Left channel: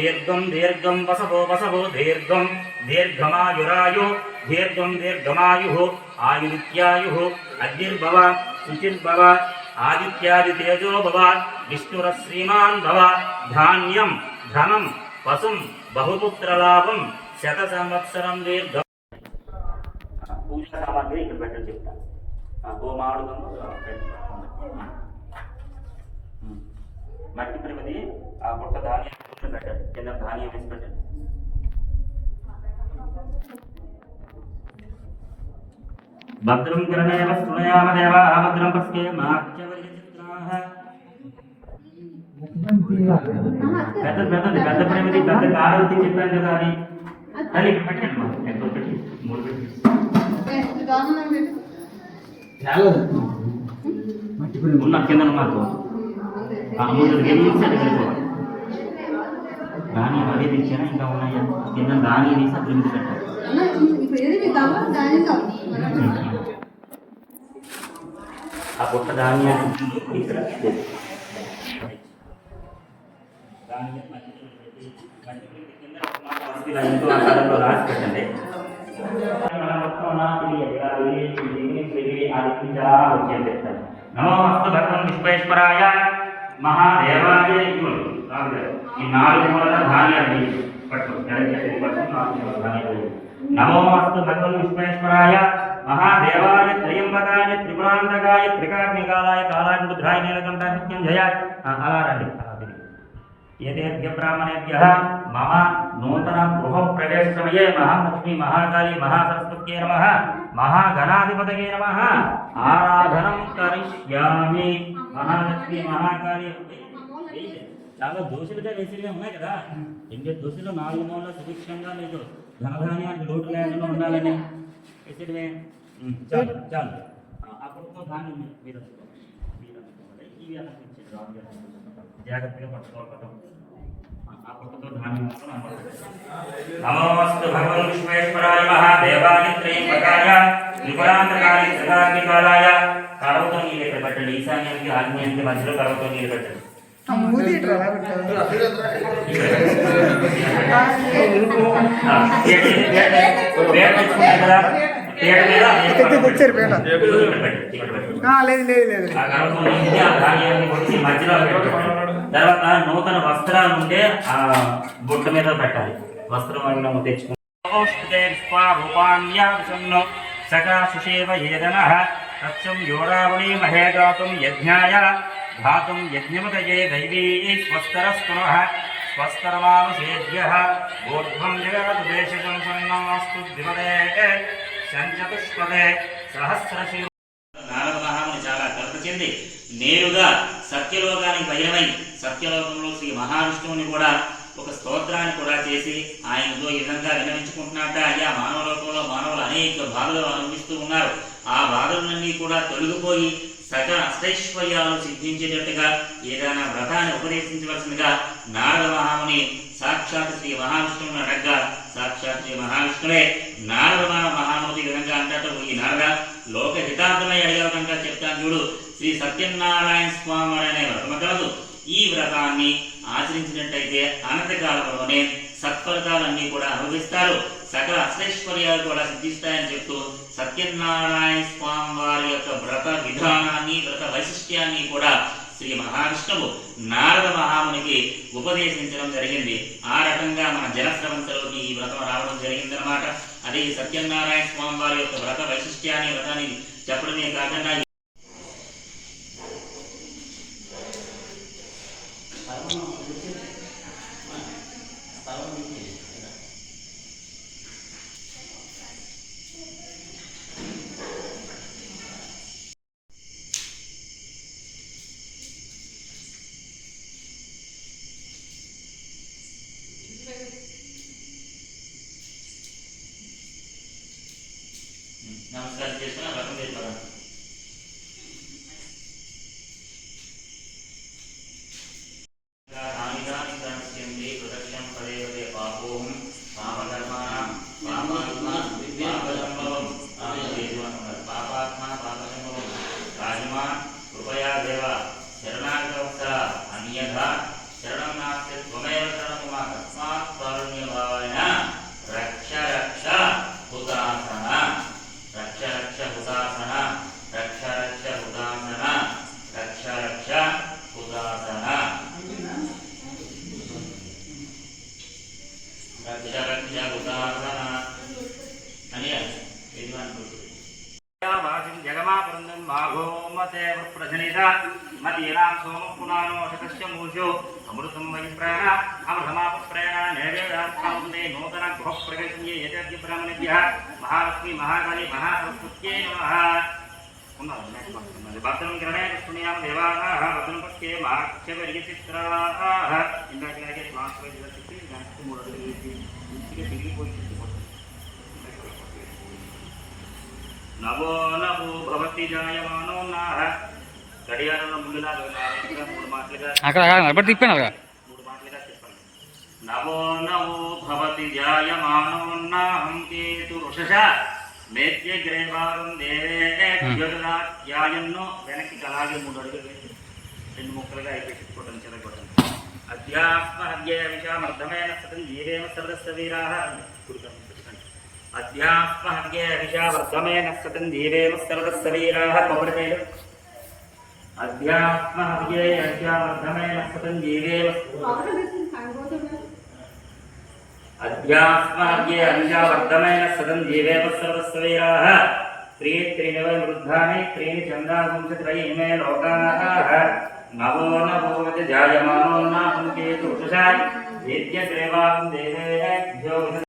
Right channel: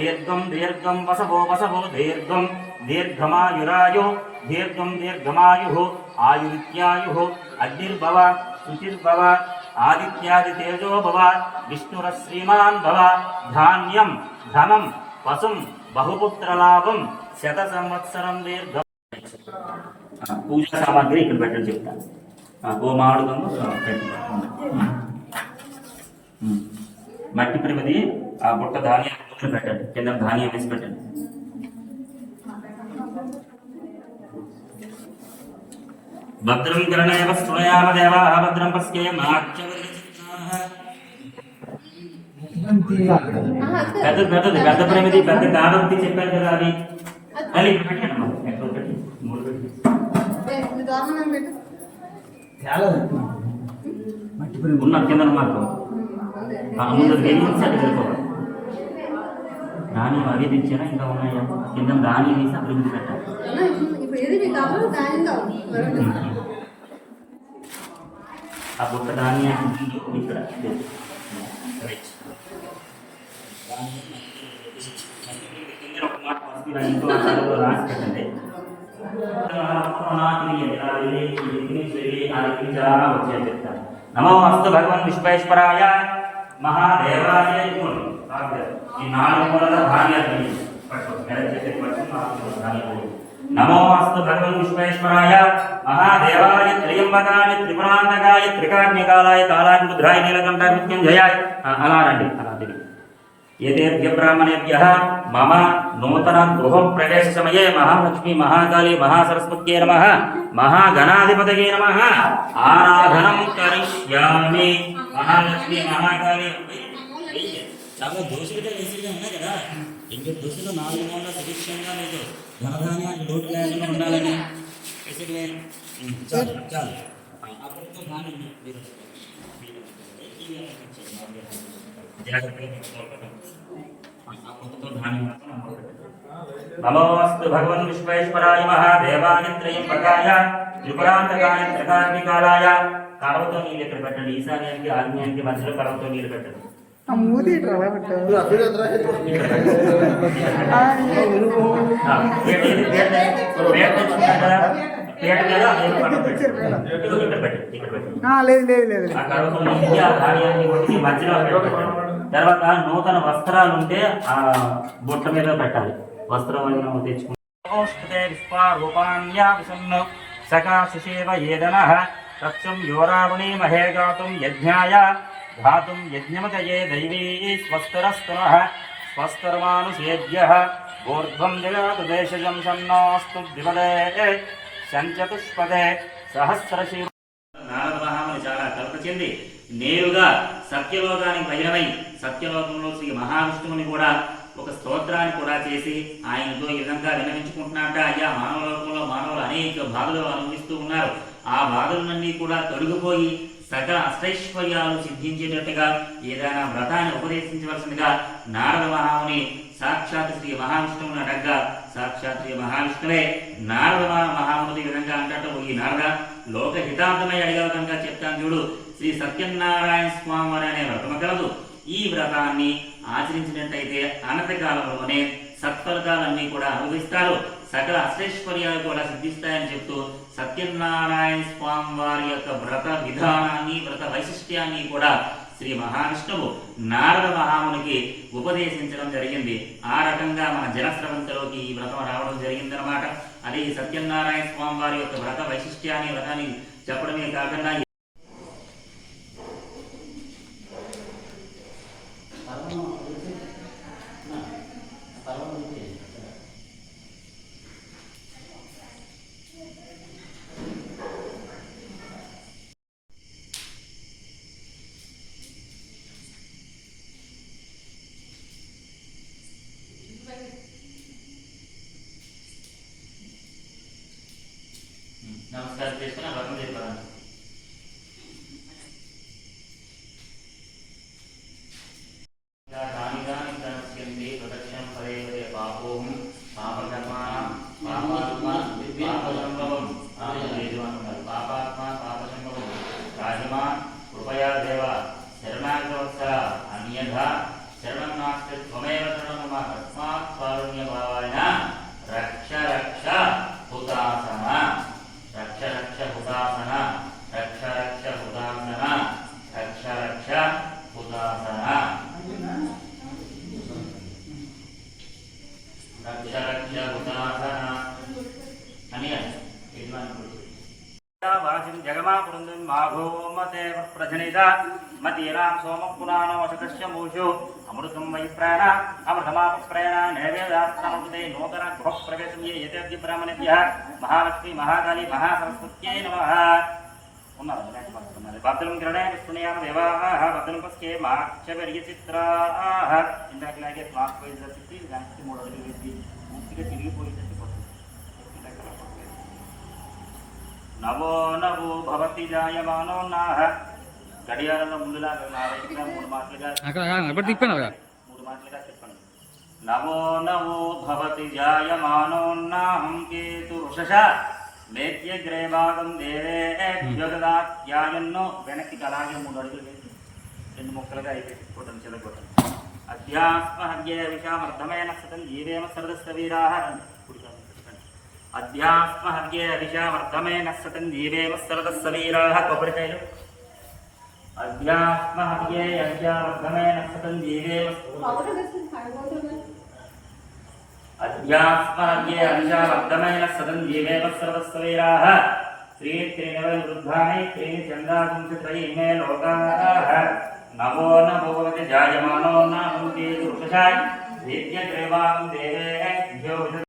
దీర్ఘం దీర్ఘం వసవో వసవో దీర్ఘం దీర్ఘమాయురాయు దీర్ఘం దీర్ఘమాయు ఆయురిత్యాయు అగ్నిర్భవ శుచిర్భవ ఆదిత్యాదితేజో భవ విష్ణురశ్రీమాన్ భవ ధాన్యం ధనం పశుం బహుపుత్రలాభం శత సంవత్సరం దీర్ఘం. పూజా సామాగ్రి ఇక్కడ పెట్టని చెప్తాను. గోమాడుగము మట్టి ప్రమిది ఆ బుట్ట ధాన్యం పెట్టండి, కింద ధాన్యం వేసి పెట్టండి. భద్రం కరణేమ స్తునయామ దేవా భద్రం పశ్యేమ పెద్ద ప్రమిది పెద్ద కాడంతి చెప్పాను కదా అని అది పెట్టండి. ఉన్న కింద మార్గం ముందు సైడ్ వెళ్ళిపోవాలి. ధాన్యం అదే తెచ్చారా ఇంకా ఉన్నాయా? కింద ధాన్యం వేసి అక్కడ ఎందుకు పెట్టారు? ఆ గొప్ప ధాన్యం ఇక్కడ రాసి పెట్టండి. నమో అస్తు భగవన్ విశ్వేశ్వరాయ మహాదేవాయ. ఈ 4 మూలల ధాన్యాన్ని నమో అస్తు భగవన్ విశ్వేశ్వరాయ మహాదేవాయ త్రయంబకాయ త్రిపురాంతకాయ త్రికాజ్ఞకాలాయ కాలాయ రుద్రాయ నీలకంఠ మృత్యుంజయాయ. అలా రండి. ఏతేభ్య బ్రాహ్మణేభ్యః మమ నూతన గృహ ప్రవేశ సమయే మహాలక్ష్మి మహాకాళీ మహాసరస్వత్యై నమః మహాగణాధిపతయే నమః ఆరాధనం కరిష్యామి. మహాలక్ష్మి మహాకాళీ చాలా దోషులుగా వేసిగా ఉన్నాయి కదా. ఇంకా దోషులు 4 మూల సుభిక్షంగా లేదు, ధనధాన్యానికి లోటు లేకుండా ఉండాలని చాలు చాలు. జాగ్రత్తగా పట్టుకోవాలి. నమోస్తు భగవన్ విశ్వేశ్వరాయ మహాదేవాయ త్రయంబకాయ త్రిపురాంతకాయ త్రికాగ్నికాలాయ. కడవతో నీళ్ళు ఇక్కడ పెట్టండి. ఈశాన్యానికి ఆగ్నేయానికి మధ్యలో కడవతో నీళ్ళు పెట్టండి. తర్వాత నూతన వస్త్రాలు ఉంటే ఆ బొట్ట మీద పెట్టాలి. వస్త్రం తెచ్చుకుంటాం. సకాశిషేవ ఏదనః తత్సం యోరావణీ మహే గాతుం యజ్ఞాయ ధాతుం యజ్ఞమతయే దైవీ స్వస్తరస్తనః స్వస్తరమానుషేభ్యః ఊర్ధ్వం జగతు దేశజం సన్నోస్తు ద్విపదే శంచతుష్పదే సహస్రశీల. నారద మహాముని చాలా కల్ప చెంది నేరుగా సత్యలోకానికి పయనమై సత్యలోకంలో శ్రీ మహావిష్ణువుని కూడా ఒక స్తోత్రాన్ని కూడా చేసి ఆయనతో ఈ విధంగా విన్నవించుకుంటున్నట్ట. అయ్యా, మానవలోకంలో మానవులు అనేక బాధలు అనుభవిస్తూ ఉన్నారు. ఆ బాధలన్నీ కూడా తొలగిపోయి సకల అష్టైశ్వర్యాలను సిద్ధించేటట్టుగా ఏదైనా వ్రతాన్ని ఉపదేశించవలసిందిగా నారద మహాముని సాక్షాత్ శ్రీ మహావిష్ణువుని అడగ్గా సాక్షాత్ శ్రీ మహావిష్ణువే నారద మహాముని ఈ విధంగా అంటూ, ఈ నారద లోక హితార్థమై అడిగే విధంగా చెప్తాను చూడు. శ్రీ సత్యనారాయణ స్వామి అనే వ్రతము కలదు. ఈ వ్రతాన్ని ఆచరించినట్టయితే అనంతకాలంలోనే సత్ఫలితాలన్నీ కూడా అనుభవిస్తారు, సకల అష్టైశ్వర్యాలు కూడా సిద్ధిస్తాయని చెప్తూ సత్యనారాయణ స్వామి వారి యొక్క వ్రత విధానాన్ని వ్రత వైశిష్ట్యాన్ని కూడా శ్రీ మహావిష్ణువు నారద మహామునికి ఉపదేశించడం జరిగింది. ఆ రకంగా మన జనస్రవంతలోకి ఈ వ్రతం రావడం జరిగిందనమాట. అదే ఈ సత్యనారాయణ స్వామి వారి యొక్క వ్రత వైశిష్ట్యాన్ని వ్రతాన్ని చెప్పడమే కాకుండా నమస్కారం చేస్తున్నా వ్రతం చేస్తారా? ప్రదక్షిణం పదే పాపోం పాపకర్మాణం పాపాత్మ పాపసంభవం రాజమా కృపయా దేవ శరణాగవత్స అన్యథా శరణం నాస్తి త్వమేవ శరణం మమ तस्मात् कारुण्यभावेन रक्ष रक्ष हुतासन रक्ष रक्ष हुतासन रक्ष रक्ष हुतासन रक्ष रक्ष हुतासन रक्ष रक्ष हुतासन అని वासिं जगमापुरन्दन् माघो मते प्रजनित मतीरां सोमः पुनानो शतस्य मूषो अमृतं वैप्राण अमृतमापप्राण नैवेद्यार्थानुदे नूतन गृहप्रवेशे यतेऽद्य ब्राह्मणेभ्यः महालक्ष्मी महाकाली महासरस्वत्यै नमः भद्रं गृणे पुण्यां देवाः भद्रं पश्ये माक्षेपरिचित्राः इंदाकलागे क्लास వైజ్ వచ్చి నెక్స్ట్ 3 అడుగులు వేసి పూర్తిగా తిరిగిపోయి नमो नमो भवति जायमानो नाह గడియారంలో ముందులా మూడు మాటలుగా అక్కడ అక్కడ తిప్పాను మూడు మాటలుగా చెప్పండి నమో నమో భవతి జాయమానో నాహం కేతు వృషశ మేత్య గ్రేవాగం దేవే జ్యోతిరాత్యాయన్నో వెనక్కి అలాగే 3 అడుగులు వేసి 2 ముక్కలుగా అయిపోయి చెదగొట్టండి అధ్యాత్మహ్యే విషామర్ధమైన సతం జీవేమ సర్వస్వ వీరాః अध्यात्महव्ये अभिषावर्धमेन सतं जीवेम सर्वस्वीराः कोपड़ेपेलु अध्यात्महव्ये अभिषावर्धमेन सतं जीवेम अध्यात्महव्ये अभिषावर्धमेन सतं जीवेम सर्वस्वीराः श्री त्रिनववृद्धानि त्रीणि चन्दागुंसत्रयीमे लोकाः नमो नमो वित जायमानो नाहं केतु वृषशा वेद्यग्रेवां देवे